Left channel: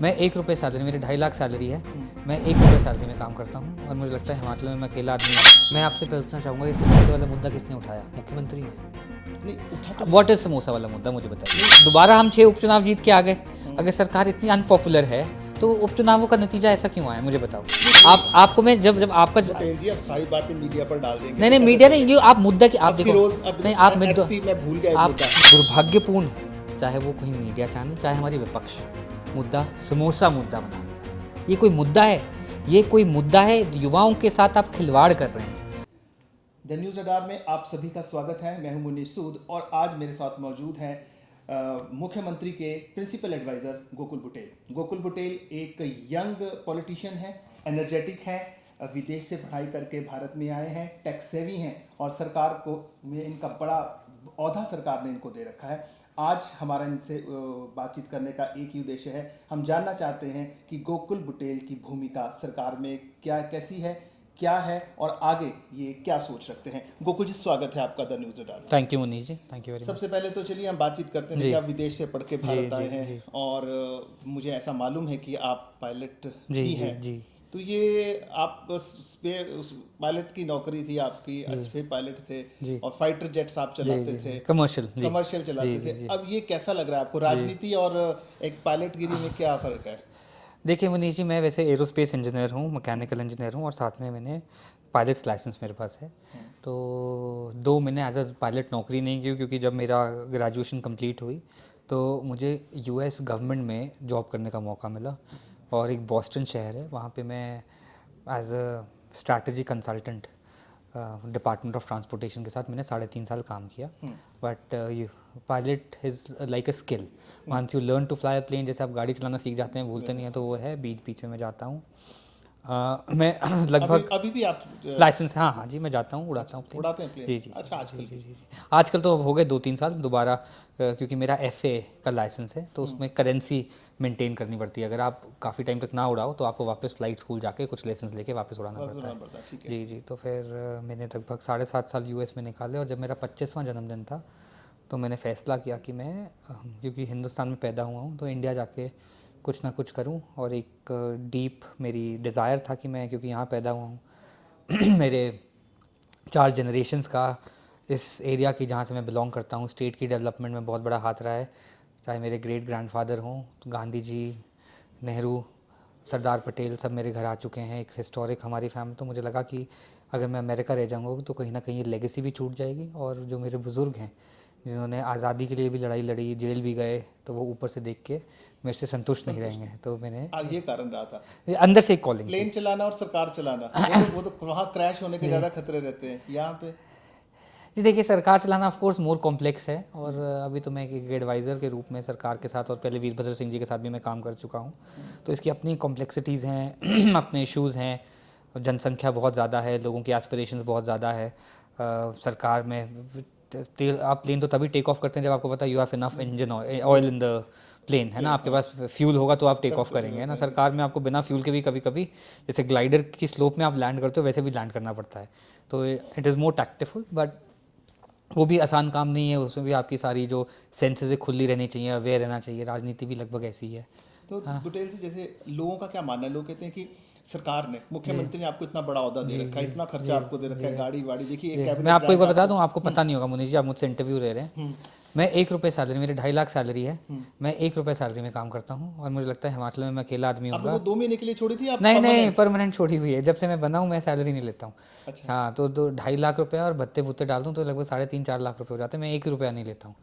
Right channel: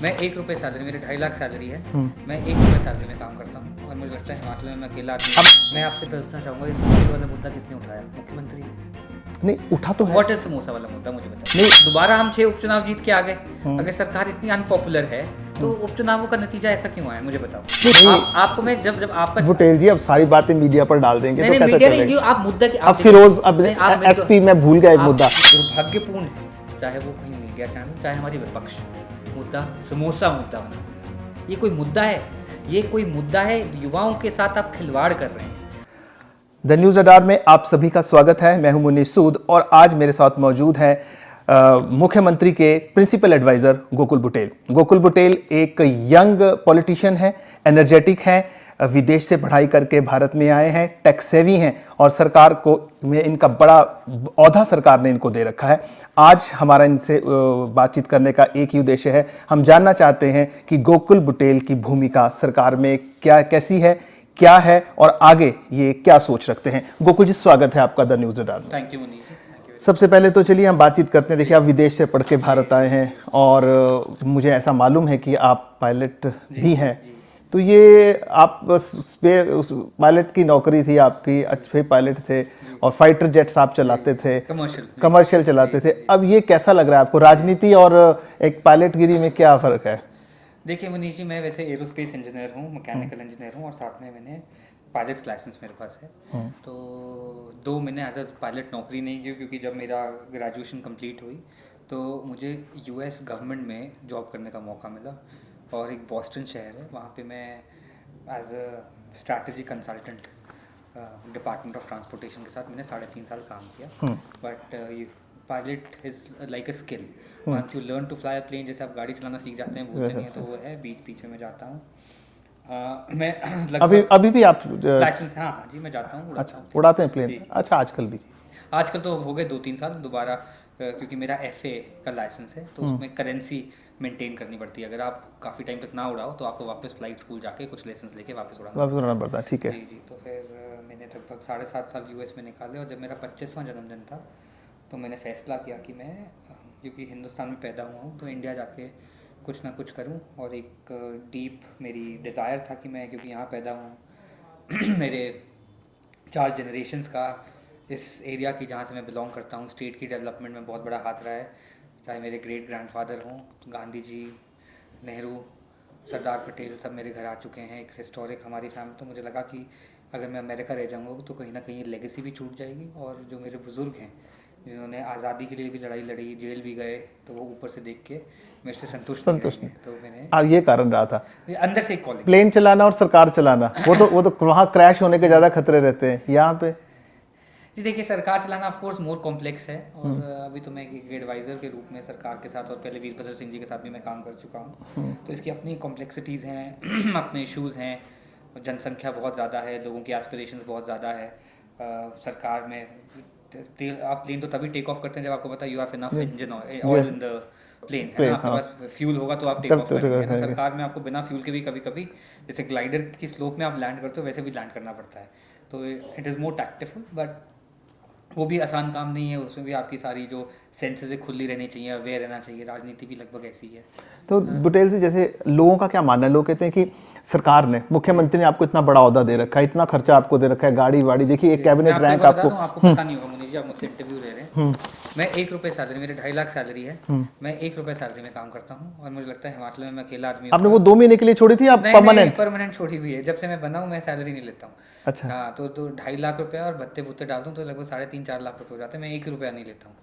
मैं 1 रुपये सैलरी, मेरी 2.5 लाख सैलरी है। मैं 1 रुपये सैलरी में काम करता हूँ और मुझे लगता है हिमाचल में मैं अकेला आदमी हूँ। मैं आपसे पूछना चाहूँगा कि समोसे वाला मुद्दा किसने उठाया? मुख्यमंत्री ने। नहीं उठा तो है। व्हाट इज समोसा वाला मुद्दा, मुझे बताइए। दोबारा हम 6 उपचुनाव जीत के आ गए। अगर सरकार इतनी अनपॉपुलर है तो उपचुनावों का नतीजा ऐसा क्यों आया, मुझे बताओ। आपको मैं जब आपका बुटेल जी अब सारी बातें मीडिया पर डाल देंगे नहीं तो मीडिया कैसे नहीं, आप मुद्दा की अब फिरोज अब नहीं, आप एसपी मैं भूल गया एक मुद्दा। दुर्भाग्यपूर्ण है, चाहे वो कहीं मीडिया चैनल चाहे हमारी विपक्ष, मुद्दा समोसा मुद्दा बना दिया। ये कोई मुद्दा है? ये कोई मुद्दा है? युवाओं के साथ आप खिलवाड़ कर रहे हैं। द न्यूज रडार में आप सभी का स्वागत है। मैं हूं मुनीश सूद और आज मेरे साथ मौजूद है मुख्यमंत्री के प्रिंसिपल एडवाइजर गोकुल बुटेल। गोकुल बुटेल एक यंग पॉलिटिशियन है, एनर्जेटिक है, विदेश से पढ़ाई करके भारत में आए हैं, टेक सेवी हैं और सरकार को में इनका बड़ा औहदा सरकार ने इनको दे रखा है। आज हमारा इनसे बातचीत करने का एक ही उद्देश्य है, हम जानना चाहते हैं कि गोकुल बुटेल की भूमिका सरकार में कैसी है, क्या है और आगे ये क्या सोच रखते हैं। गोकुल जी, स्वागत है आपका द न्यूज रडार में। Thank you Munish ji, thank you. सबसे पहले तो चलिए हम बातचीत करते हैं। देखिए आप विदेश से पढ़ के भारत आए हैं और मुझे ऐसा मालूम है कि आप पायलट भी हैं। तो ये आप उस पायलट की नौकरी थी आपकी, अच्छे पायलट थे और फाइटर जेट्स आप चलाते थे, कमर्शियल चलाते थे। अब ये कैसा लग रहा है आपको? राजनीति और एक पायलटगिरी में क्या फर्क है? देखिए मुनीश जी, मैं वैसे एरोस्पेस इंजीनियर हूँ, मैकेनिकल इंजीनियर हूँ और साथ में मैंने पायलट लाइसेंस मेरे पास है। तो 2 महीने एज अ पायलट नौकरी नहीं की क्योंकि जब मेरा ग्रेजुएशन कंप्लीट हुई तो मुझे यूएस गवर्नमेंट में जॉब करने का मौका मिला और एक बॉस्टन शहर है, वहाँ पे मैं as a strategy consultant department of transportation के साथ मैंने 3.5 साल काम किया। But pilot is like a skill, once you learn to fly a plane, जैसे आप गाड़ी चलाना सीख जाते हैं, भूलते नहीं है, तो वो है। बीच बीच में मैं जाता हूँ। मैं लगभग अभी भी आप लाइसेंस, हाँ जी, मैं जाता हूँ, उड़ाता हूँ, उड़ाते हैं प्लेन? जी। अच्छा, आजकल भी? आजकल तो हो गए 2-3 साल दोबारा, क्योंकि मेरा FA का लाइसेंस है तो उसमें करेंसी मेंटेन करनी पड़ती है। अगर आप काफ़ी टाइम तक ना उड़ाओ तो आपको वापस फ्लाइट स्कूल जाके कुछ लाइसेंस लेके वापस उड़ाना पड़ता है। ठीक है जी। तो फिर मैंने लगभग 7.5 साल US में निकाले और जब मेरा 25वां जन्मदिन था तो मैंने फैसला किया कि मैं, क्योंकि हिंदुस्तान में पैदा हुआ हूँ, तो इंडिया जाके कुछ ना कुछ करूँ। और एक डीप मेरी डिज़ायर था कि मैं, क्योंकि यहाँ पैदा हुआ हूँ मेरे 4 जनरेशन्स का इस एरिया की जहाँ से मैं बिलोंग करता हूँ, स्टेट की डेवलपमेंट में बहुत बड़ा हाथ रहा है। चाहे मेरे ग्रेट ग्रैंडफादर हों, गांधी जी, नेहरू, सरदार पटेल, सब मेरे घर आ चुके हैं। एक हिस्टोरिक हमारी फैमिली। तो मुझे लगा कि अगर मैं अमेरिका रह जाऊँगा तो कहीं ना कहीं लेगेसी भी छूट जाएगी और जो मेरे बुज़ुर्ग हैं जिन्होंने आज़ादी के लिए भी लड़ाई लड़ी, जेल भी गए, तो वो ऊपर से देख के मेरे से संतुष्ट नहीं रहेंगे। तो मैंने ये कारण रहा था अंदर से एक कॉलिंग। प्लेन चलाना और सरकार चलाना, वो तो वहाँ क्रैश होने के ज़्यादा खतरे रहते हैं। यहाँ पे जी देखिए, सरकार चलाना ऑफ कोर्स मोर कॉम्प्लेक्स है और अभी तो मैं एक एडवाइज़र के रूप में सरकार के साथ और पहले वीरभद्र सिंह जी के साथ भी मैं काम कर चुका हूँ। तो इसकी अपनी कॉम्प्लेक्सिटीज़ हैं अपने इश्यूज़ हैं। जनसंख्या बहुत ज़्यादा है, लोगों की एस्पिरेशंस बहुत ज़्यादा है। सरकार में आप प्लेन तो तभी टेक ऑफ करते हैं जब आपको पता है you have enough engine oil in the plane, है ना। आपके पास फ्यूल होगा तो आप टेक ऑफ करेंगे ना। सरकार में आपको बिना फ्यूल के भी कभी कभी, जैसे ग्लाइडर की स्लोप में आप लैंड करते हो वैसे भी लैंड करना पड़ता है। तो इट इज़ मोर टैक्टिफुल, बट वो भी आसान काम नहीं है। उसमें भी आपकी सारी जो सेंसेस खुली रहनी चाहिए, अवेयर रहना चाहिए। राजनीति भी लगभग ऐसी ही है। तो बुटेल से, जैसे लोगों का क्या मानना है? लोग कहते हैं कि सरकार ने, मुख्यमंत्री ने आपको इतना बड़ा औहदा दे रखा है, इतना खर्चा आपको दे रखा है, गाड़ी वाड़ी, देखिए एक कैबिनेट रैंक आपको पता नहीं होगा मुनीश जी, आप मुझसे इंटरव्यू ले रहे हैं। मैं 1 रुपये सैलरी, मेरी 2.5 लाख सैलरी है। मैं 1 रुपये सैलरी में काम करता हूँ और मुझे लगता है हिमाचल में मैं अकेला आदमी हूँ। आपने वो 2 महीने के लिए छोड़ी थी? आप परमानेंट छोड़ी हुई है। जब से मैं बना हूँ मैं सैलरी नहीं लेता हूँ। अच्छा। हाँ, तो 2.5 लाख रुपया और भत्ते भुत्ते डाल दूँ तो लगभग 3.5-4 लाख रुपये हो जाते हैं। मैं 1 रुपया नहीं लेता हूँ।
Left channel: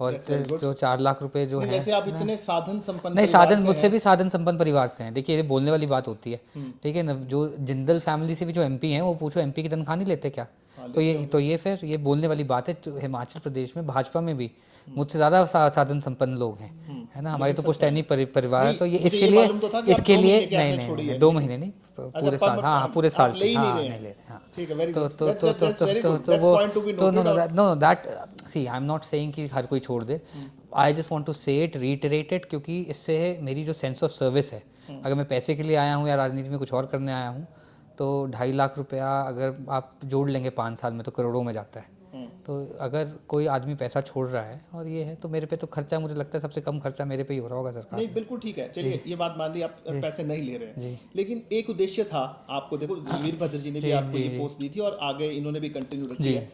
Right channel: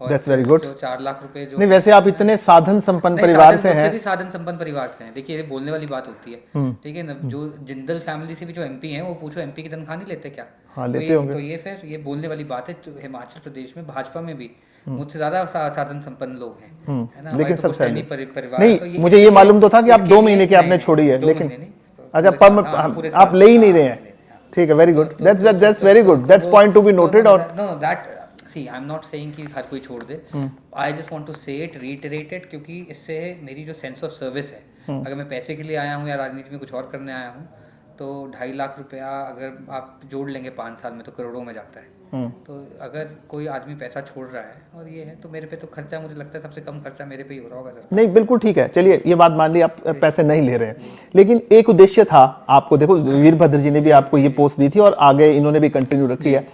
और That's very good. जो 4 लाख रुपए जो नहीं, वैसे आप इतने साधन संपन्न परिवार से हैं। भी साधन संपन्न परिवार से हैं। देखिए, ये बोलने वाली बात होती है, ठीक है ना। जो जिंदल फैमिली से भी जो MP हैं, वो पूछो MP की तनख्वाह नहीं लेते क्या? हाँ, तो ये फिर ये बोलने वाली बात है। तो हिमाचल प्रदेश में भाजपा में भी मुझसे ज्यादा साधन संपन्न लोग हैं, है ना। हमारी तो पुश्तैनी परिवार है। तो मुझे ये मालूम तो था कि आप 2 महीने की आपने छोड़ी है। 2 महीने नहीं, अच्छा, आप ले ही नहीं रहे हैं। ठीक है, very good, that's very good, that's point to be noted. और no that, see I am not saying कि हर कोई छोड़ दे। I just want to say it, reiterate it, क्योंकि इससे मेरी जो सेंस ऑफ सर्विस है, अगर मैं पैसे के लिए आया हूँ या राजनीति में कुछ और करने आया हूँ, तो 2.5 लाख रुपया अगर आप जोड़ लेंगे 5 साल में तो करोड़ों में जाता है। तो अगर कोई आदमी पैसा छोड़ रहा है और ये है तो मेरे पे तो खर्चा, मुझे लगता है सबसे कम खर्चा मेरे पे ही हो रहा होगा सर। नहीं बिल्कुल ठीक है, चलिए ये बात मान ली, आप पैसे नहीं ले रहे हैं, लेकिन एक उद्देश्य था आपको। देखो वीरभद्र जी ने भी आपको ये पोस्ट दी थी और आगे इन्होंने भी कंटिन्यू रखी है।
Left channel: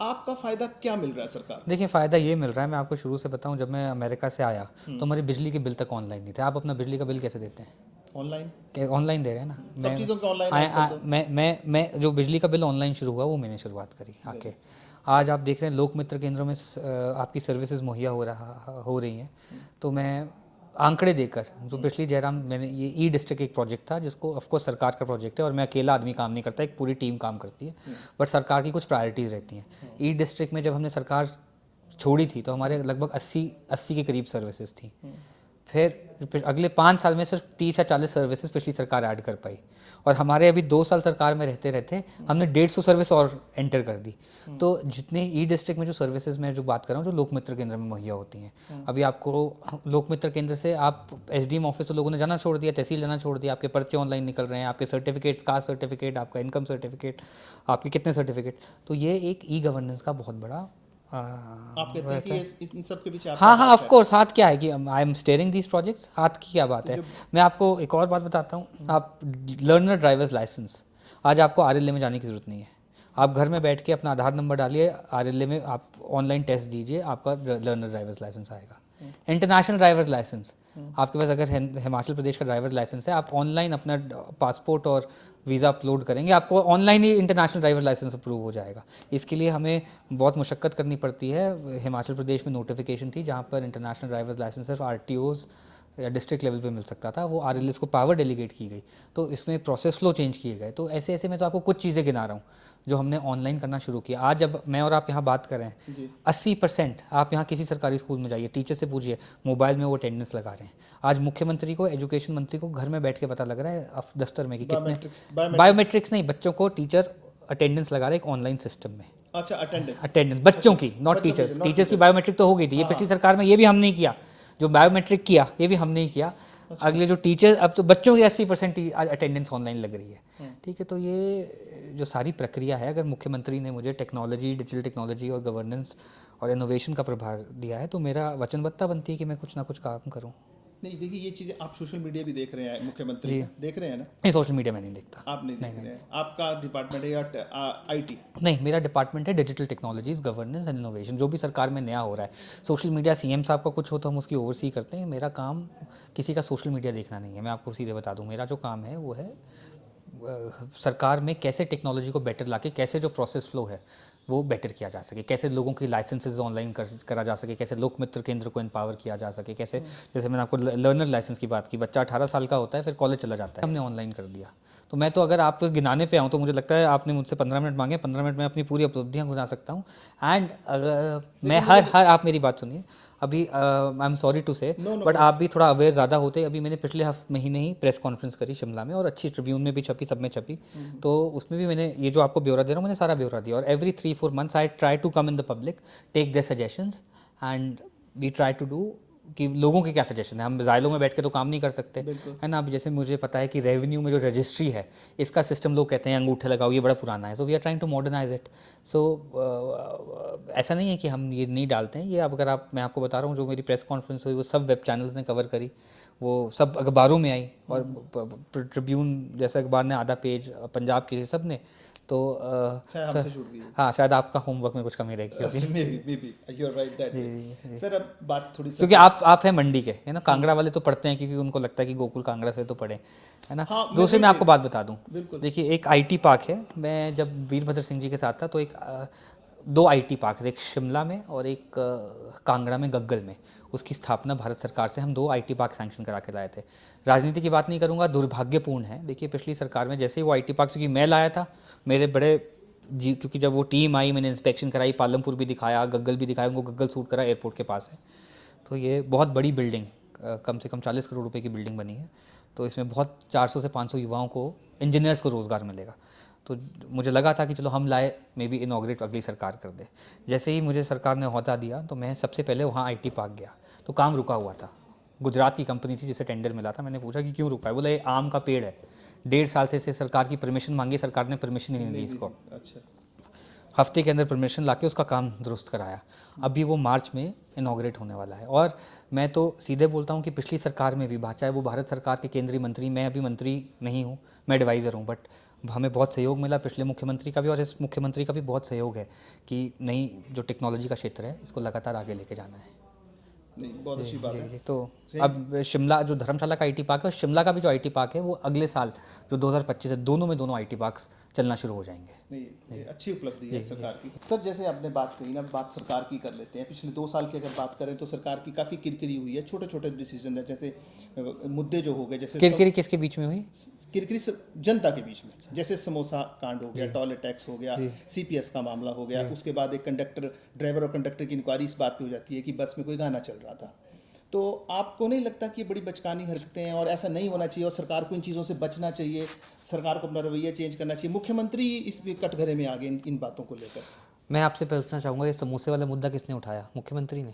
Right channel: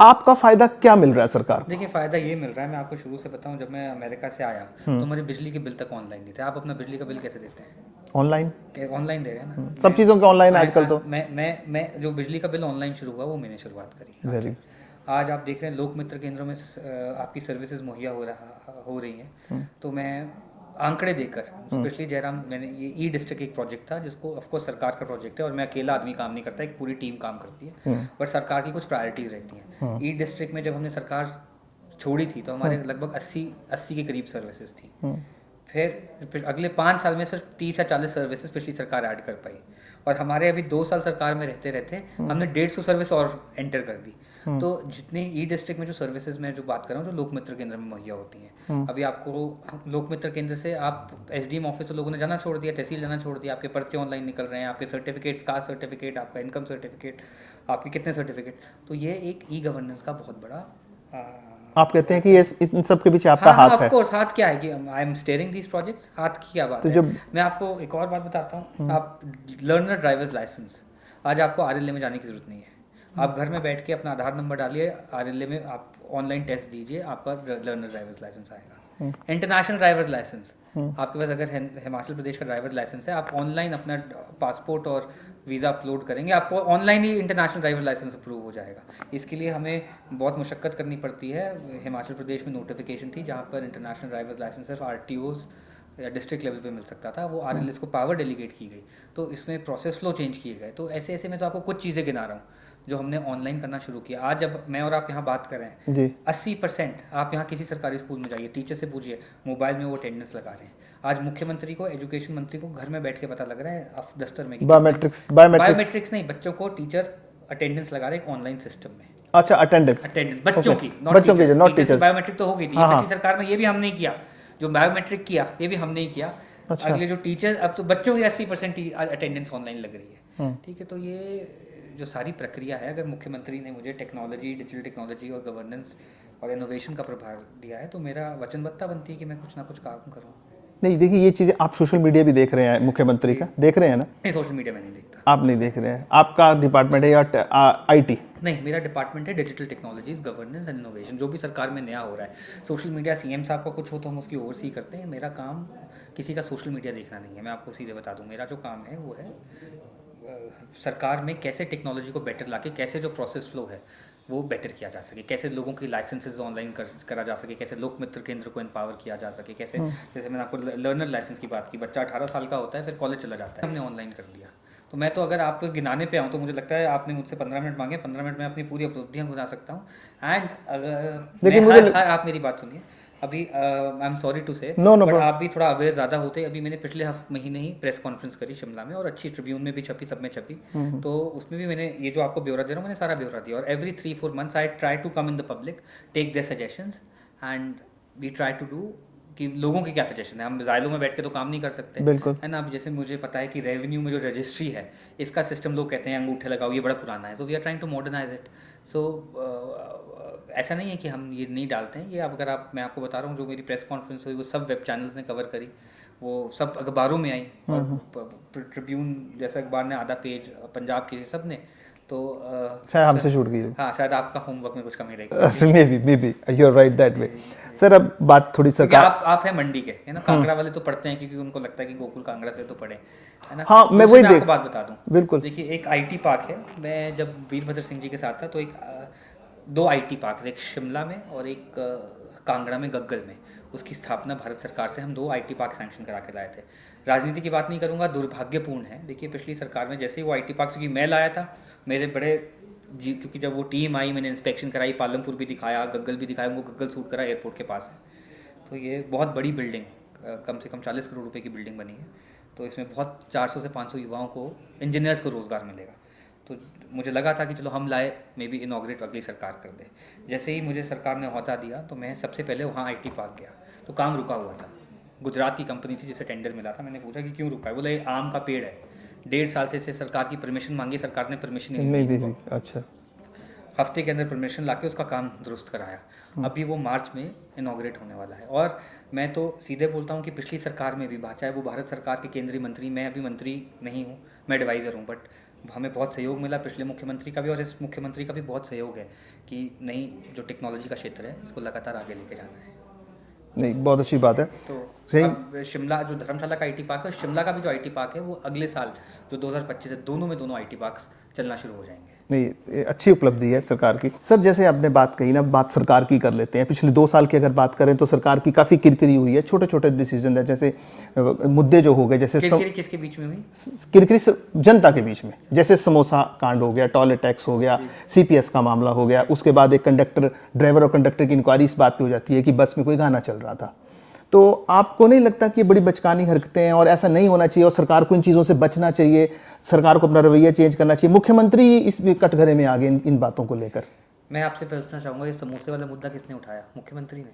आपका फायदा क्या मिल रहा है सरकार? देखिए फ़ायदा ये मिल रहा है, मैं आपको शुरू से बताऊं, जब मैं अमेरिका से आया तो हमारे बिजली के बिल तक ऑनलाइन नहीं थे। आप अपना बिजली का बिल कैसे देते हैं? ऑनलाइन, ऑनलाइन दे रहे हैं ना, सब चीज़ों के ऑनलाइन आजकल तो। मैं जो बिजली का बिल ऑनलाइन शुरू हुआ वो मैंने शुरुआत करी आपके। आज आप देख रहे हैं लोक मित्र केंद्रों में आपकी सर्विसेज मुहैया हो रही हैं। तो मैं आंकड़े देकर, जो पिछली जयराम, मैंने ये ई डिस्ट्रिक्ट एक प्रोजेक्ट था जिसको ऑफकोर्स सरकार का प्रोजेक्ट है और मैं अकेला आदमी काम नहीं करता, एक पूरी टीम काम करती है, बट सरकार की कुछ प्रायोरिटीज़ रहती हैं। ई डिस्ट्रिक्ट में जब हमने सरकार छोड़ी थी तो हमारे लगभग 80 के करीब सर्विसेज थी। फिर अगले 5 साल में सिर्फ 30 या 40 सर्विसेज पिछली सरकार ऐड कर पाई, और हमारे अभी 2 साल सरकार में रहते रहते हमने 150 सर्विस और एंटर कर दी। तो जितने ई डिस्ट्रिक्ट में जो सर्विसेज में जो बात कर रहा हूँ, जो लोक मित्र केंद्र में मुहैया होती हैं, अभी आपको लोक मित्र केंद्र से आप एसडीएम ऑफिस से लोगों ने जाना छोड़ दिया, तहसील जाना छोड़ दिया, आपके पर्चे ऑनलाइन निकल रहे हैं, आपके सर्टिफिकेट्स, कास्ट सर्टिफिकेट, आपका इनकम सर्टिफिकेट, आपके कितने सर्टिफिकेट। तो ये एक ई गवर्नेंस का बहुत बड़ा आप कहते हैं कि ये इन सब के पीछे आपका हाथ है? ऑफ कोर्स हाथ क्या है कि I am steering these projects, हाथ की क्या बात है। मैं आपको एक और बात बताता हूँ, आप लर्नर ड्राइवर्स लाइसेंस, आज आपको आरएलए में जाने की जरूरत नहीं है। आप घर में बैठ के अपना आधार नंबर डालिए, आरएलए में आप ऑनलाइन टेस्ट दीजिए, आपका लर्नर ड्राइवर्स लाइसेंस आएगा। इंटरनेशनल ड्राइवर्स लाइसेंस, आपके पास अगर हिमाचल प्रदेश का ड्राइवर लाइसेंस है, आप ऑनलाइन अपना पासपोर्ट और वीज़ा अपलोड करेंगे, आपको ऑनलाइन ही इंटरनेशनल ड्राइवर लाइसेंस अप्रूव हो जाएगा। इसके लिए हमें बहुत मुशक्क़त करनी पड़ती है। हिमाचल प्रदेश में नोटिफिकेशन थी जहाँ पर इंटरनेशनल ड्राइवर्स लाइसेंस सिर्फ आरटीओज़ या डिस्ट्रिक्ट लेवल पे मिल सकता था, वो आरएलएस को पावर डेलीगेट की गई, तो इसमें प्रोसेस फ्लो चेंज किए गए। तो ऐसे ऐसे मैं तो आपको कुछ चीज़ें गिना रहा हूँ जो हमने ऑनलाइन करना शुरू किया। आज जब मैं और आप यहाँ बात कर रहे हैं जी, 80% आप यहाँ किसी सरकारी स्कूल में जाइए, टीचर से पूछिए, मोबाइल में वो अटेंडेंस लगा रहे हैं। आज मुख्यमंत्री को, एजुकेशन मंत्री को घर में बैठ के पता लग रहा है दफ्तर में कि बायोमेट्रिक्स नहीं, बच्चों को टीचर अटेंडेंस लगा रहे हैं ऑनलाइन सिस्टम में। अच्छा, अटेंडेंस बच्चों की, नॉट टीचर्स। बायोमेट्रिक तो हो गई थी, ये पिछली सरकार में ये भी हमने किया, जो बायोमेट्रिक किया ये भी हमने ही किया। अगले जो टीचर, अब तो बच्चों की 80% अटेंडेंस ऑनलाइन लग रही है। ठीक है, तो ये जो सारी प्रक्रिया है, अगर मुख्यमंत्री ने मुझे टेक्नोलॉजी, डिजिटल टेक्नोलॉजी और गवर्नेंस और इनोवेशन का प्रभार दिया है, तो मेरा वचनबद्धता बनती है कि मैं कुछ ना कुछ काम करूं। नहीं, देखिए ये चीज़ें आप सोशल मीडिया भी देख रहे हैं, मुख्यमंत्री का देख रहे हैं ना? नहीं, सोशल मीडिया में नहीं देखता। आप नहीं देख रहे हैं? आपका डिपार्टमेंट है या आईटी? नहीं, मेरा डिपार्टमेंट है digital technologies, governance and innovation. जो भी सरकार में नया हो रहा है, सोशल मीडिया सीएम साहब का कुछ हो तो हम उसकी ओवरसी करते हैं। मेरा काम किसी का सोशल मीडिया देखना नहीं है। मैं आपको सीधे बता दूं, मेरा जो काम है वो है सरकार में कैसे टेक्नोलॉजी को बेटर लाके, कैसे जो प्रोसेस फ्लो है वो बेटर किया जा सके, कैसे लोगों की लाइसेंसेज ऑनलाइन करा जा सके, कैसे लोक मित्र केंद्र को एम्पावर किया जा सके, कैसे, जैसे मैंने आपको लर्नर लाइसेंस की बात की, बच्चा 18 साल का होता है फिर कॉलेज चला जाता है, हमने ऑनलाइन कर दिया। तो मैं तो अगर आप गिनाने पे आऊँ तो मुझे लगता है आपने मुझसे 15 मिनट मांगे, 15 मिनट में अपनी पूरी उपलब्धियाँ गिना सकता हूँ। एंड मैं हर आप मेरी बात सुनिए, अभी आई एम सॉरी टू से, बट आप भी थोड़ा अवेयर ज़्यादा होते। अभी मैंने पिछले महीने ही प्रेस कॉन्फ्रेंस करी शिमला में, और अच्छी ट्रिब्यून में भी छपी, सब में छपी। तो उसमें भी मैंने ये जो आपको ब्यौरा दे रहा हूँ, मैंने सारा ब्यौरा दिया। और every 3-4 months I try to come in the public, take their suggestions and we try to do कि लोगों के क्या सजेशन है। हम जायलों में बैठ के तो काम नहीं कर सकते, है ना। अब जैसे मुझे पता है कि रेवेन्यू में जो रजिस्ट्री है, इसका सिस्टम लोग कहते हैं अंगूठे लगाओ, ये बड़ा पुराना है। So we are trying to modernise it. So ऐसा नहीं है कि हम ये नहीं डालते हैं। ये अगर मैं आपको बता रहा हूँ, जो मेरी प्रेस कॉन्फ्रेंस हुई वो सब वेब चैनल्स ने कवर करी, वो सब अखबारों में आई, और ट्रिब्यून जैसे अखबार ने आधा पेज, पंजाब के सब ने। तो शायद हमसे छूट गई। हाँ, शायद आपका होमवर्क में कुछ कमी रहेगी। Maybe you are right that way. Sir, अब बात थोड़ी सी, क्योंकि आप हैं मंडी के, है ना, कांगड़ा वाले तो पढ़ते हैं क्योंकि उनको लगता है कि गोकुल कांगड़ा से तो पढ़े, है ना। हाँ, मैं वही आपको बात बता दूं, बिल्कुल। देखिए, एक आईटी पार्क है। मैं जब वीरभद्र सिंह जी के साथ था तो एक 2 आईटी पार्क, एक शिमला में और एक कांगड़ा में, गग्गल में। उसकी स्थापना भारत सरकार से हम 2 आईटी पार्क सैंक्शन करा के लाए थे। राजनीति की बात नहीं करूँगा, दुर्भाग्यपूर्ण है। देखिए, पिछली सरकार में जैसे ही वो आईटी पार्क, क्योंकि मैं लाया था, मेरे बड़े जी, क्योंकि जब वो टीम आई, मैंने इंस्पेक्शन कराई, पालमपुर भी दिखाया, गग्गल भी दिखाया, उनको गग्गल सूट करा, एयरपोर्ट के पास है। तो ये बहुत बड़ी बिल्डिंग, कम से कम 40 करोड़ रुपए की बिल्डिंग बनी है। तो इसमें बहुत 400 से 500 युवाओं को, इंजीनियर्स को रोज़गार मिलेगा। तो मुझे लगा था कि चलो हम लाए, मे बी इनॉग्रेट अगली सरकार कर दे। जैसे ही मुझे सरकार ने ओहदा दिया तो मैं सबसे पहले वहाँ आईटी पार्क गया, तो काम रुका हुआ था। गुजरात की कंपनी थी जिसे टेंडर मिला था। मैंने पूछा कि क्यों रुका है, बोला ये आम का पेड़ है, 1.5 साल से सरकार की परमिशन मांगी, सरकार ने परमिशन नहीं दी इसको। अच्छा। हफ्ते के अंदर परमिशन लाके उसका काम दुरुस्त कराया। अभी वो मार्च में इनॉग्रेट होने वाला है। और मैं तो सीधे बोलता हूँ कि पिछली सरकार में भी चाहे वो भारत सरकार के केंद्रीय मंत्री, मैं अभी मंत्री नहीं हूँ, मैं एडवाइज़र हूँ, बट हमें बहुत सहयोग मिला पिछले मुख्यमंत्री का भी और इस मुख्यमंत्री का भी बहुत सहयोग है कि नई जो टेक्नोलॉजी का क्षेत्र है इसको लगातार आगे लेके जाना है। नहीं, बहुत अच्छी बात है। तो सही। अब शिमला जो धर्मशाला का आईटी पार्क है और शिमला का भी जो आईटी पार्क है वो अगले साल जो 2025 है, दोनों आईटी पार्क्स चलना शुरू हो जाएंगे। नहीं, ये अच्छी उपलब्धि है सरकार की। सर, जैसे आपने बात कही ना, बात सरकार की कर लेते हैं। पिछले 2 साल की अगर बात करें तो सरकार की काफ़ी किरकिरी हुई है, छोटे छोटे डिसीजन है, जैसे मुद्दे जो हो गए, जैसे किरकिरी किसके बीच में हुई? किरकिरी जनता के बीच में, जैसे समोसा कांड हो गया, टॉयलेट टैक्स हो गया, सीपीएस का मामला हो गया, उसके बाद एक ड्राइवर और कंडक्टर की इंक्वायरी इस बात पे हो जाती है कि बस में कोई गाना चल रहा था। तो आपको नहीं लगता कि ये बड़ी बचकानी हरकतें हैं और ऐसा नहीं होना चाहिए और सरकार को इन चीज़ों से बचना चाहिए, सरकार को अपना रवैया चेंज करना चाहिए? मुख्यमंत्री इस कटघरे में आ गए इन बातों को लेकर। मैं आपसे पूछना चाहूँगा, ये समोसे वाला मुद्दा किसने उठाया? मुख्यमंत्री ने?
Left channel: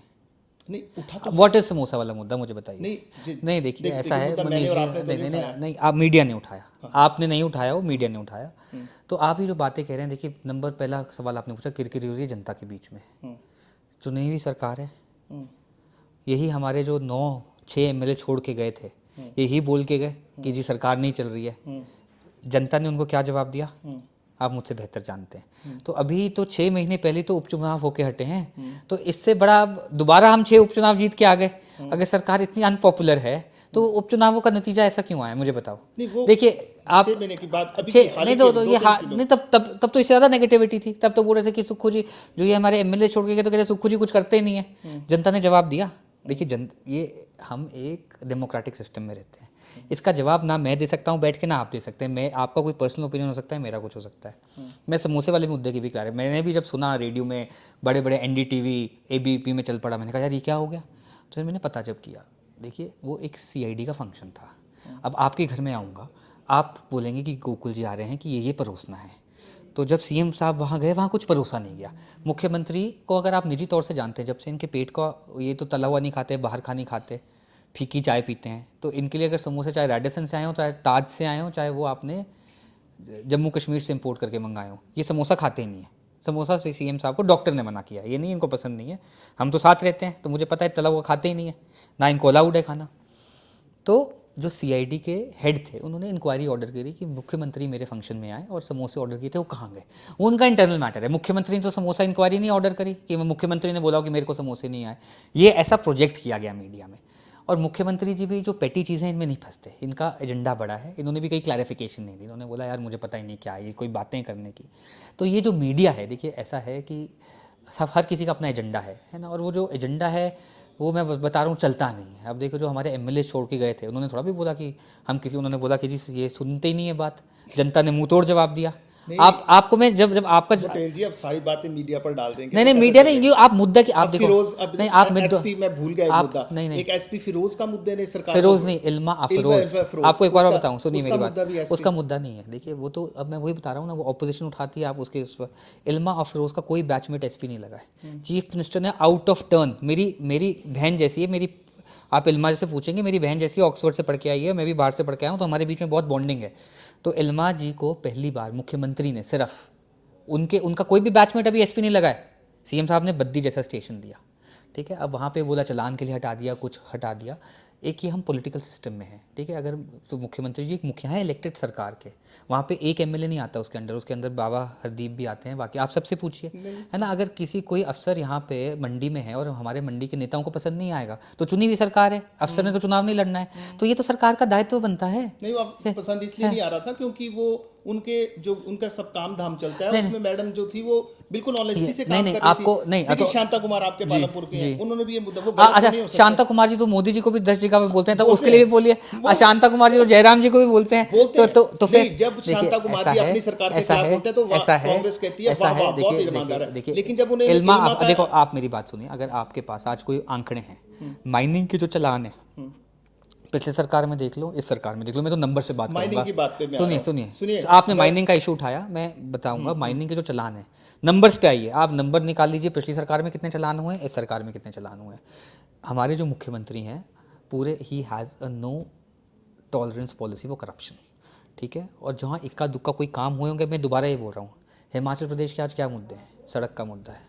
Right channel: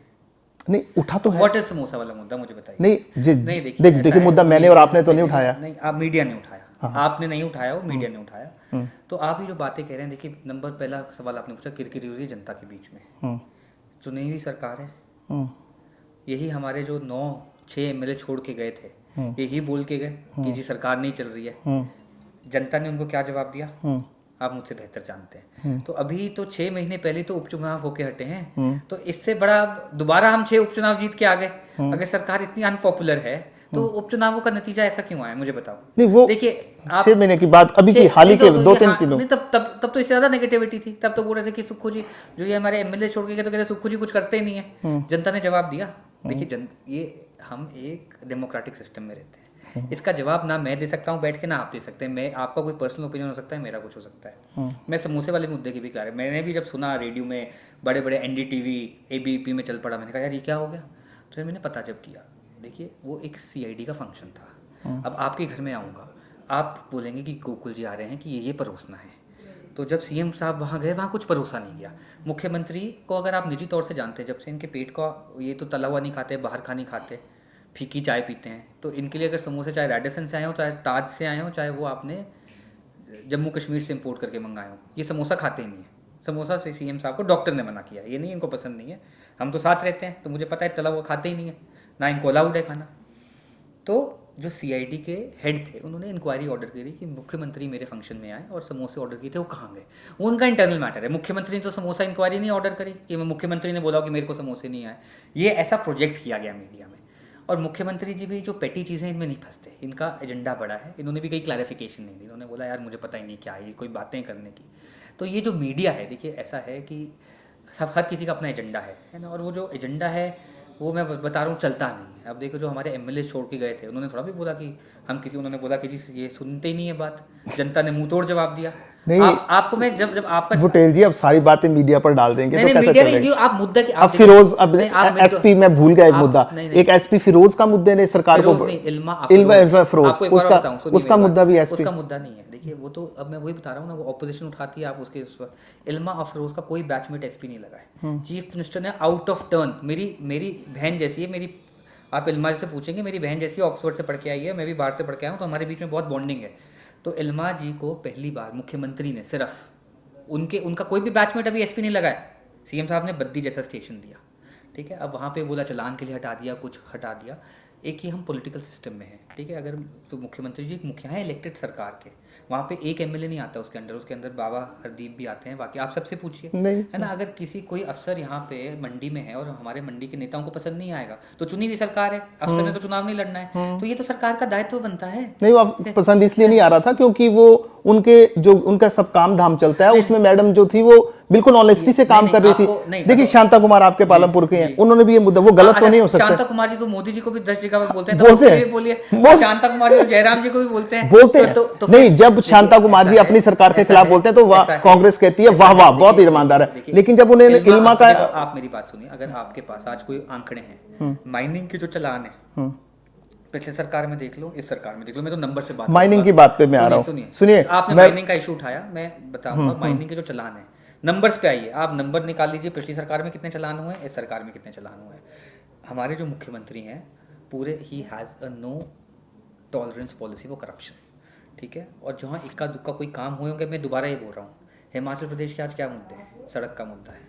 नहीं, उठा तो है। व्हाट इज समोसा वाला मुद्दा, मुझे बताइए। नहीं, देखिए देखिए मुद्दा मैंने और आपने तो नहीं उठाया। नहीं, आप मीडिया ने उठाया। आपने नहीं उठाया, वो मीडिया ने उठाया। तो आप ये जो बातें कह रहे हैं, देखिए नंबर पहला सवाल आपने पूछा, किरकिरी हो रही है जनता के बीच में। चुनी हुई सरकार है, यही हमारे जो 9-6 एमएलए छोड़ के गए थे, यही बोल के गए कि जी सरकार नहीं चल रही है। जनता ने उनको क्या जवाब दिया आप मुझसे बेहतर जानते हैं। तो अभी तो 6 महीने पहले तो उपचुनाव होके हटे हैं, तो इससे बड़ा दोबारा हम 6 उपचुनाव जीत के आ गए। अगर सरकार इतनी अनपॉपुलर है तो उपचुनावों का नतीजा ऐसा क्यों आया, मुझे बताओ। नहीं, वो देखिए आप 6 महीने की बात अभी की हाल ही के 2-3 किलो। नहीं, तब तो इससे ज्यादा नेगेटिविटी थी। तब तो बोल रहे थे कि सुक्खू जी जो ये हमारे एमएलए छोड़ के गए, तो कहते सुक्खू जी कुछ करते ही नहीं है। जनता ने जवाब दिया। देखिए ये हम एक डेमोक्रेटिक सिस्टम में रहते हैं, इसका जवाब ना मैं दे सकता हूँ बैठ के, ना आप दे सकते हैं। मैं आपका कोई पर्सनल ओपिनियन हो सकता है, मेरा कुछ हो सकता है। मैं समोसे वाले मुद्दे की भी क्लियर है। मैंने भी जब सुना रेडियो में, बड़े बड़े एनडीटीवी एबीपी में चल पड़ा, मैंने कहा यार ये क्या हो गया। तो मैंने पता जब किया, देखिए वो एक सीआईडी का फंक्शन था। अब आपके घर में आऊँगा, आप बोलेंगे कि गोकुल जी आ रहे हैं कि ये परोसना है, तो जब सीएम साहब वहाँ गए, वहाँ कुछ परोसा नहीं गया। मुख्यमंत्री को अगर आप निजी तौर से जानते हैं, जब से इनके पेट का, ये तो तला हुआ नहीं खाते, बाहर का नहीं खाते, फीकी चाय पीते हैं, तो इनके लिए अगर समोसे चाहे रेडिसन से आए हो, चाहे ताज से आए हो, चाहे वो आपने जम्मू कश्मीर से इंपोर्ट करके मंगाए हो, ये समोसा खाते ही नहीं है। समोसा से सीएम साहब को डॉक्टर ने मना किया, ये नहीं इनको पसंद नहीं है। हम तो साथ रहते हैं तो मुझे पता है तला हुआ खाते ही नहीं है, ना इनको अलाउड है खाना। तो जो सीआईडी के हेड थे, उन्होंने इंक्वायरी ऑर्डर करी कि मुख्यमंत्री मेरे फंक्शन में आए और समोसे ऑर्डर किए थे, वो कहाँ गए। उनका इंटरनल मैटर है। मुख्यमंत्री ने तो समोसा इंक्वायरी नहीं ऑर्डर करी कि मुख्यमंत्री ने बोला कि मेरे को समोसे नहीं आए। ये ऐसा प्रोजेक्ट किया गया मीडिया में। और मुख्यमंत्री जी भी जो पेटी चीज़ें इनमें नहीं फंसते, इनका एजेंडा बड़ा है। इन्होंने भी कहीं क्लैरिफिकेशन नहीं दी, इन्होंने बोला यार मुझे पता ही नहीं क्या ये कोई बातें करने की। तो ये जो मीडिया है, देखिए ऐसा है कि सब हर किसी का अपना एजेंडा है ना। और वो जो एजेंडा है वो मैं बता रहा हूँ चलता नहीं है। अब देखो जो हमारे एमएलए छोड़ के गए थे, उन्होंने थोड़ा भी बोला कि हम किसी, उन्होंने बोला कि जी ये सुनते ही नहीं है बात। जनता ने मुंह तोड़ जवाब दिया। नहीं, आपको मैं जब आपका बुटेल जी अब सारी बातें मीडिया पर डाल देंगे नहीं, तो नहीं, कैसे मीडिया चलेगा? नहीं, आप मुद्दा की अब फिरोज, अब नहीं, एसपी मैं भूल गया एक मुद्दा, नहीं, एक एसपी फिरोज का मुद्दे ने सरकार को, फिरोज नहीं, इल्मा फिरोज, आपको एक बार बताऊं, सुनिए उसका मेरी मुद्दा भी बात। एसपी, उसका मुद्दा नहीं है। देखिए वो तो अब मैं वही बता रहा हूँ ना, वो ऑपोजिशन उठाती है, आप उसके उस पर। इल्मा और फिरोज का कोई बैचमेट एसपी नहीं लगा है। चीफ मिनिस्टर ने आउट ऑफ टर्न, मेरी बहन जैसी है, मेरी, आप इल्मा से पूछेंगे, मेरी बहन जैसी ऑक्सफोर्ड से पढ़ के आई है, मैं भी बाहर से पढ़ के आया हूँ, तो हमारे बीच में बहुत बॉन्डिंग है। तो इल्मा जी को पहली बार मुख्यमंत्री ने सिर्फ उनका कोई भी बैचमेट अभी एसपी नहीं लगा है, सीएम साहब ने बद्दी जैसा स्टेशन दिया, ठीक है। अब वहाँ पे बोला चलान के लिए हटा दिया, कुछ हटा दिया। एक ये हम पॉलिटिकल सिस्टम में है, ठीक है। अगर तो मुख्यमंत्री जी एक मुखिया है इलेक्टेड सरकार के, वहाँ पे एक एमएलए नहीं आता उसके अंदर बाबा हरदीप भी आते हैं, बाकी आप सबसे पूछिए, है ना। अगर किसी कोई अफसर यहाँ पे मंडी में है और हमारे मंडी के नेताओं को पसंद नहीं आएगा, तो चुनी हुई सरकार है, अफसर ने तो चुनाव नहीं लड़ना है, तो ये तो सरकार का दायित्व बनता है। नहीं, वो पसंद इसलिए नहीं आ रहा था क्योंकि वो उनका सब काम धाम चलता है, उसमें मैडम जो थी वो बिल्कुल ऑनेस्टी से काम कर रही थी। देखिए शांता कुमार आपके पालमपुर के हैं, उन्होंने भी ये मुद्दा, वो गलत तो नहीं हो सकता। शांता कुमार जी तो मोदी जी को भी 10 जगह पे बोलते हैं, तो उसके लिए बोलिए। शांता कुमार जी तो जयराम जी को भी बोलते हैं। नहीं, जब शांता कुमार जी अपनी सरकार के खिलाफ बोलते हैं तो कांग्रेस कहती है वाह वाह बहुत ईमानदार है, लेकिन जब उन्हें इल्मा का, देखो आप मेरी बात सुनिए, अगर आपके पास आज कोई आंकड़े हैं, माइनिंग के जो चलान है, पिछले सरकार में देख लो, इस सरकार में देख लो, मैं तो नंबर से बात, माइनिंग की बात पे मैं आ रहा हूं। सुनिए, आपने माइनिंग का इशू उठाया, मैं बताऊंगा माइनिंग के जो चलान है, नंबर्स पे आइए, आप नंबर निकाल लीजिए, पिछली सरकार में कितने चलान हुए, इस सरकार में कितने चलान हुए। हमारे जो मुख्यमंत्री हैं पूरे, he has a no tolerance policy for corruption, ठीक है। और जहाँ इक्का दुक्का कोई काम हुए होंगे, मैं दोबारा ये बोल रहा हूँ, हिमाचल प्रदेश के आज क्या मुद्दे हैं? सड़क का मुद्दा है।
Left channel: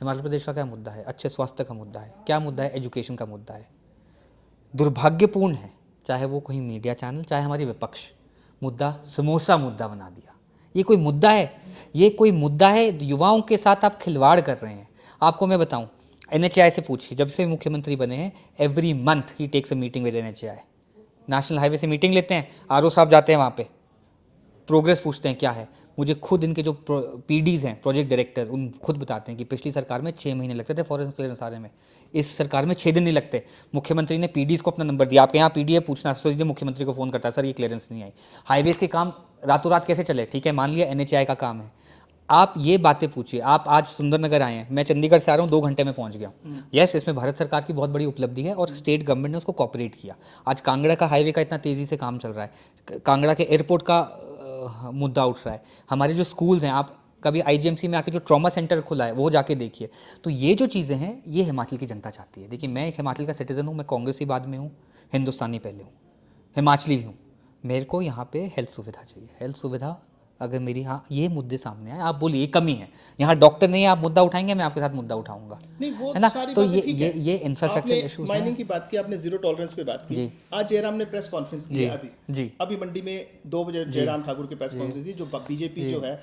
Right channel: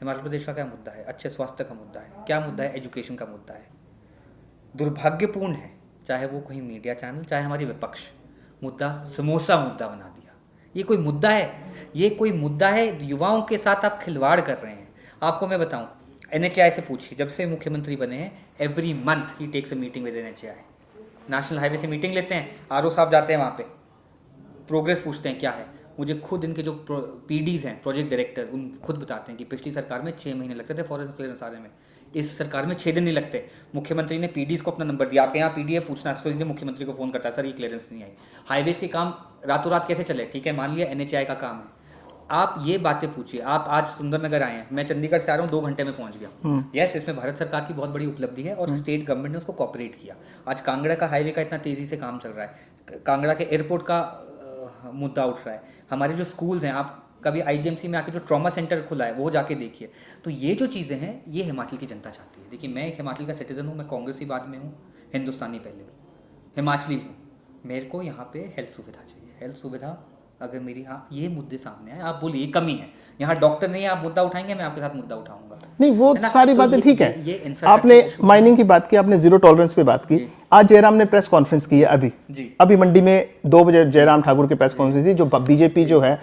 हिमाचल प्रदेश का क्या मुद्दा है? अच्छे स्वास्थ्य का मुद्दा है। क्या मुद्दा है? एजुकेशन का मुद्दा है। दुर्भाग्यपूर्ण है, चाहे वो कोई मीडिया चैनल, चाहे हमारी विपक्ष, मुद्दा समोसा मुद्दा बना दिया। ये कोई मुद्दा है? ये कोई मुद्दा है? युवाओं के साथ आप खिलवाड़ कर रहे हैं। आपको मैं बताऊं, NHAI से पूछिए, जब से मुख्यमंत्री बने हैं, every month he takes a meeting with NHAI। National highway से मीटिंग लेते हैं, RO साहब जाते हैं वहाँ पे, प्रोग्रेस पूछते हैं क्या है। मुझे खुद इनके जो PDs हैं, प्रोजेक्ट डायरेक्टर, उन खुद बताते हैं कि पिछली सरकार में 6 महीने लगते थे फॉरेस्ट क्लियरेंस आने में, इस सरकार में 6 दिन नहीं लगते। मुख्यमंत्री ने PDs को अपना नंबर दिया, आपके यहाँ PD है, पूछना सीधे मुख्यमंत्री को फ़ोन करता है, सर ये क्लियरेंस नहीं आई। हाईवेज के काम रातों रात कैसे चले? ठीक है, मान लिया NHAI का काम है, आप ये बातें पूछिए। आप आज सुंदरनगर आए हैं, मैं चंडीगढ़ से आ रहा हूँ, 2 घंटे में पहुँच गया। यस, इसमें भारत सरकार की बहुत बड़ी उपलब्धि है और स्टेट गवर्नमेंट ने उसको कॉपरेट किया। आज कांगड़ा का हाईवे का इतना तेज़ी से काम चल रहा है, कांगड़ा के एयरपोर्ट का मुद्दा उठ रहा है। हमारे जो स्कूल्स हैं, आप कभी IGMC में आके जो ट्रॉमा सेंटर खुला है वो जाके देखिए। तो ये जो चीज़ें हैं, ये हिमाचल की जनता चाहती है। देखिए, मैं एक हिमाचल का सिटीज़न हूँ, मैं कांग्रेसी बाद में हूँ, हिंदुस्तानी पहले हूँ, हिमाचली भी हूँ। मेरे को यहाँ पे हेल्थ सुविधा चाहिए। हेल्थ सुविधा अगर मेरी, हाँ, ये मुद्दे सामने आए, आप बोलिए ये कमी है, यहाँ डॉक्टर नहीं है, आप मुद्दा उठाएंगे, मैं आपके साथ मुद्दा उठाऊंगा। नहीं, वो है ना? सारी तो बातें ठीक है। ये आपने infrastructure माइनिंग की बात की, आपने जीरो टॉलरेंस पे बात की। आज जयराम ने प्रेस कॉन्फ्रेंस की है अभी जी। अभी मंडी में 2 बजे जयराम ठाकुर की प्रेस कॉन्फ्रेंस थी, जो बीजेपी जो है,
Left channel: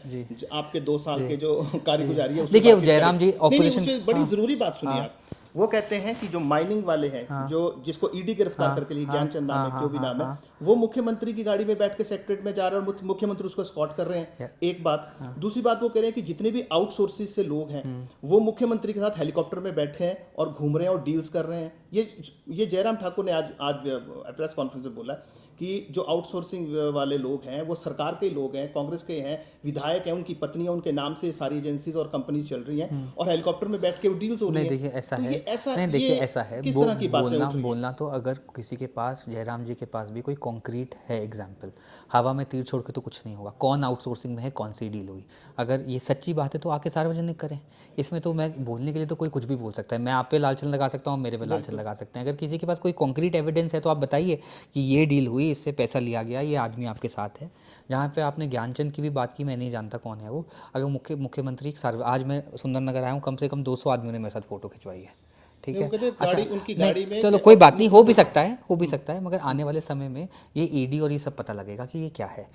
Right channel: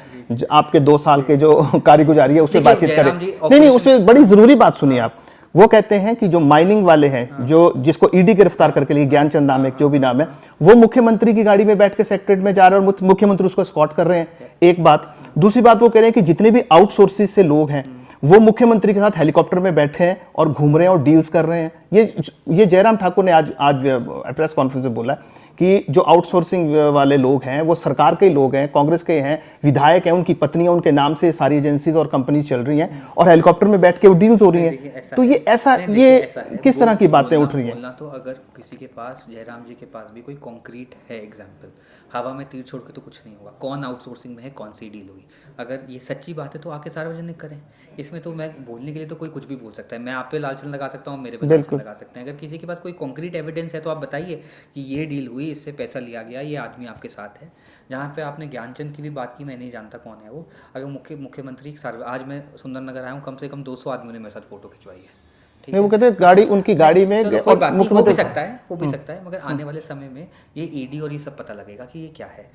आपके 2 साल के जो कारगुजारी है उस पर देखिए, बातचीत जयराम करें। जी नहीं, उस पर बड़ी जरूरी बात सुनिए आप। वो कहते हैं कि जो माइनिंग वाले हैं, जो जिसको ईडी गिरफ्तार करके लिए, ज्ञानचंद नाम है, जो भी नाम है, वो मुख्यमंत्री की गाड़ी में बैठ के सेक्रेटरीट में जा रहे हैं और मुख्यमंत्री उसको एस्कॉर्ट कर रहे हैं। एक बात। दूसरी बात, वो कह रहे हैं कि जितने भी आउटसोर्सेस से लोग हैं, वो मुख्यमंत्री के साथ हेलीकॉप्टर में बैठे हैं और घूम रहे हैं और डील्स कर रहे हैं। ये जयराम ठाकुर ने आज प्रेस कॉन्फ्रेंस में बोला कि जो आउटसोर्सिंग वाले लोग हैं वो सरकार के लोग हैं, कांग्रेस के हैं, विधायक हैं, उनकी पत्नियां, उनके नाम से सारी एजेंसीज और कंपनीज चल रही हैं और हेलीकॉप्टर में बैठ के वो डील्स हो रही हैं। तो ये ऐसा, ये किस तरह की बातें उठ रही हैं? बोलना तो, अगर किसी के पास, जयराम जी के पास भी कोई कॉन्क्रीट है एग्जाम्पल, हवा में तीर छोड़ के तो कुछ नहीं होगा। कौन आउटसोर्सिंग में है, कौन सी डील हुई, अगर ये सच्ची बात है तो आके सार्वजनिक करें। इसमें तो मैं बोलने के लिए तो कोई कुछ भी बोल सकता है। मैं आप पे लालछन लगा सकता हूँ, मेरे पे लालछन लगा सकते हैं। अगर किसी के पास कोई कॉन्क्रीट एविडेंस है तो आप बताइए कि ये डील हुई, इससे पैसा लिया गया, ये आदमी आपके साथ है। जहाँ पे आपने ज्ञानचंद की भी बात की, मैं नहीं जानता कौन है वो। अगर मुख्यमंत्री आज मैं सुंदरनगर आया हूँ, कम से कम 200 आदमियों ने मेरे साथ फोटो खिंचवाई है। ठीक है, वो कहते हैं गाड़ी, उनकी गाड़ी में, तो कोई बात नहीं, हो भी सकता है, मगर आने वाले समय में ये ईडी और ये सब पता लगेगा कि ये क्या है।